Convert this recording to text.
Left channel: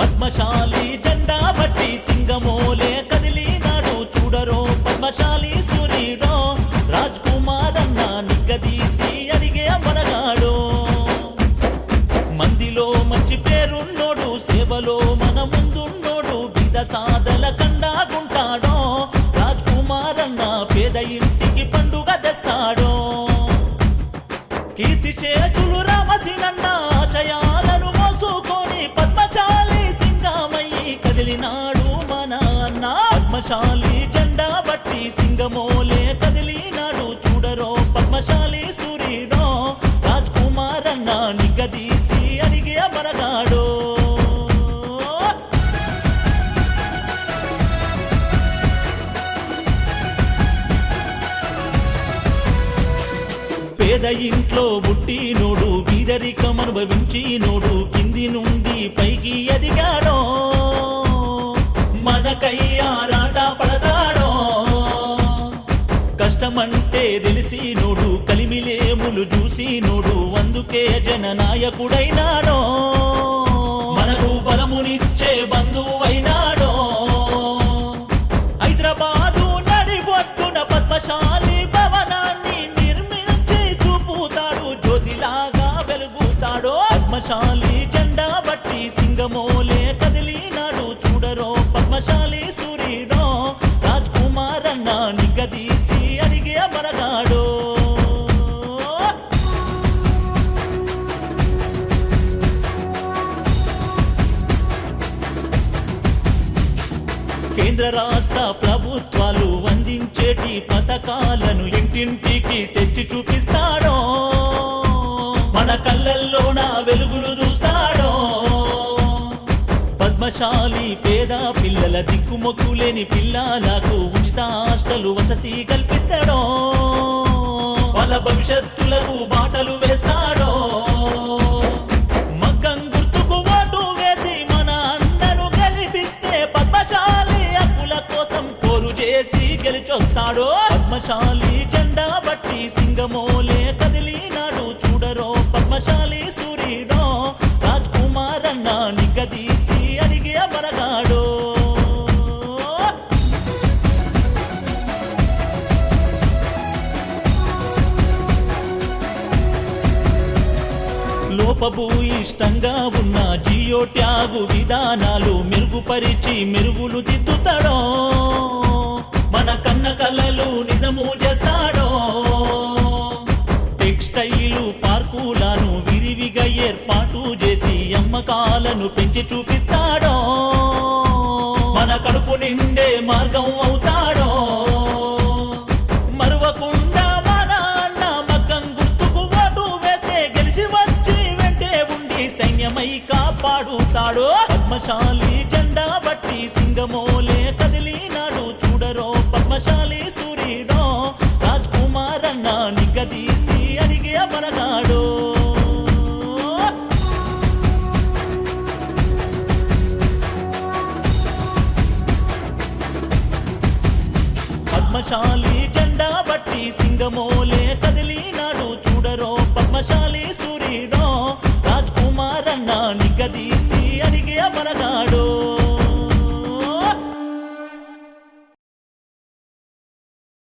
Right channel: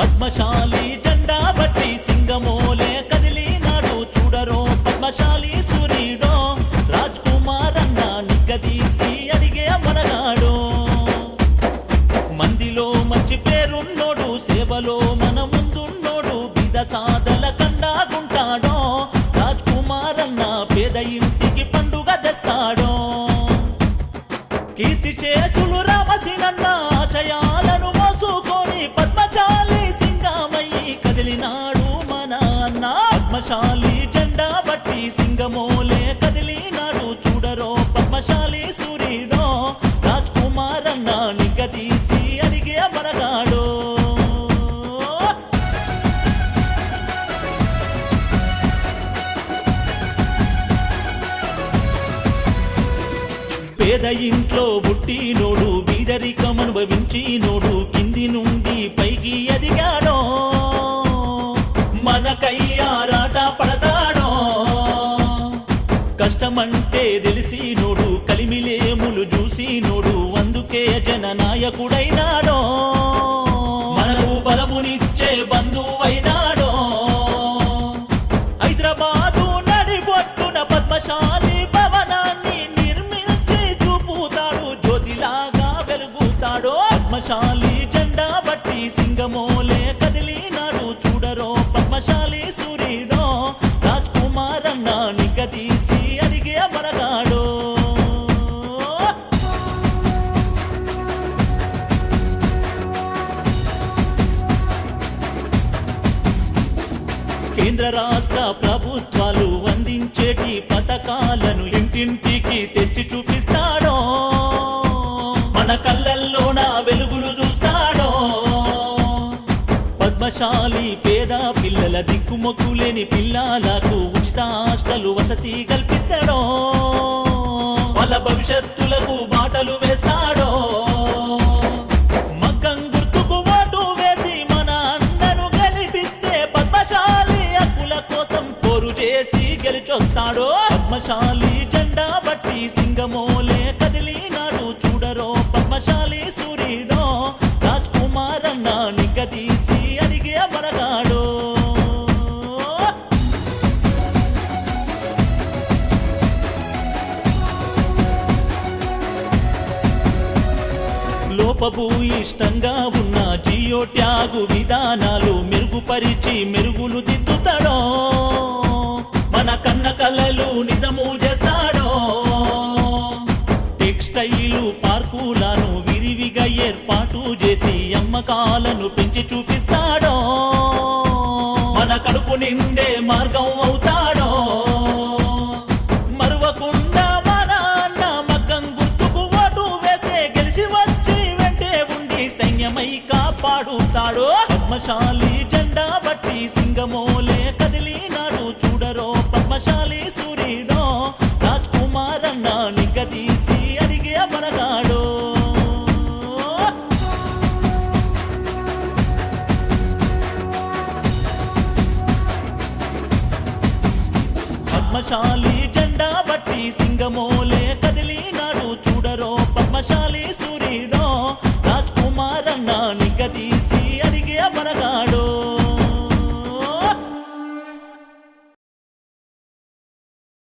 పద్మశాలి జెండా బట్టి సింగమోలే కదిలినాడు చూడరో పద్మశాలి సూర్యుడో రాజ్ కుమార్ అన్న నిగ్గదీసి అడిగే మనగాడు మందిలో మంచి పేరున్నోడు సేవలో మన ముందున్నోడు బీద సాదల కండాగుంటాడో రాజ్ కుమార్ అన్న పేద ఇంటికి పండుగ తెస్తాడో కీర్తి చేసులు రామసినన్న ఆశయాలను మోసుకొని పద్మశాలి సింగమయ్యి కదిలినాడు మన అన్న పద్మశాలి జెండా బట్టి సింగమోలే కదిలినాడు చూడరో పద్మశాలి సూర్యుడో రాజ్ కుమార్ అన్న నిగ్గదీసి అడిగే మనగాడు పేద ఇంట్లో పుట్టినోడు బీదరికం అనుభవించినోడు కింది నుండి పైకి ఎదిగాడో మనకై ఆరాట పడతాడో కష్టమంటే తెలిసినోడు కలిమిలేములు చూసినోడు అందుకే జననాయకుడైనాడో మనకు బలమునిచ్చే బంధువైనాడో హైదరాబాదు నడిబొట్టున పద్మశాలి భవనాన్ని చూపుతాడు జ్యోతిలాగా వెలుగుతాడో పద్మశాలి జెండా బట్టి సింగమోలే కదిలినాడు చూడరో పద్మశాలి సూర్యుడో రాజ్ కుమార్ అన్న నిగ్గదీసి అడిగే మనగాడు కేంద్ర రాష్ట్ర ప్రభుత్వాలు అందించేటి పథకాలను ఇంటింటికి తెచ్చి చూపిస్తాడో మన కళ్ళల్లోన వెలుగులు చూస్తాడో పద్మశాలి పేద పిల్లల దిక్కుమొక్కులేని పిల్లలకు ఉచిత హాస్టలు వసతి కల్పిస్తాడో వాళ్ళ భవిష్యత్తులకు బాటలు వేస్తాడో మగ్గం గుర్తుకు ఓటు వేసి మన అన్నను గెలిపిస్తే పద్మశాలి హక్కుల కోసం పోరు చేసి గెలిచొస్తాడో పద్మశాలి జెండా బట్టి సింగమోలే కదిలినాడు చూడరో పద్మశాలి సూర్యుడో రాజ్ కుమార్ అన్న నిగ్గదీసి అడిగే మనగాడు లోపభూయిష్టంగా ఉన్న జియో ట్యాగు విధానాలు మెరుగుపరిచి మెరుగులు దిద్దుతాడో మన కన్న కలలు నిజము చేస్తాడో టెక్స్టైలు పార్కులను విరివిగా ఏర్పాటు చేసి అమ్మకాలను పెంచి చూపిస్తాడో మన కడుపు నిండే మార్గం అవుతాడో మరువకుండా మన అన్న మగ్గం గుర్తుకు ఓటు వేస్తే గెలిచి వచ్చి వెంటే ఉండి సైన్యమై కాపాడుతాడో పద్మశాలి జెండా బట్టి సింగమోలే కదిలినాడు చూడరో పద్మశాలి సూర్యుడో రాజ్ కుమార్ అన్న నిగ్గదీసి అడిగే మనగాడు పద్మశాలి జెండా బట్టి సింగమోలే కదిలినాడు చూడరో పద్మశాలి సూర్యుడో రాజ్ కుమార్ అన్న నిగ్గదీసి అడిగే మనగాడు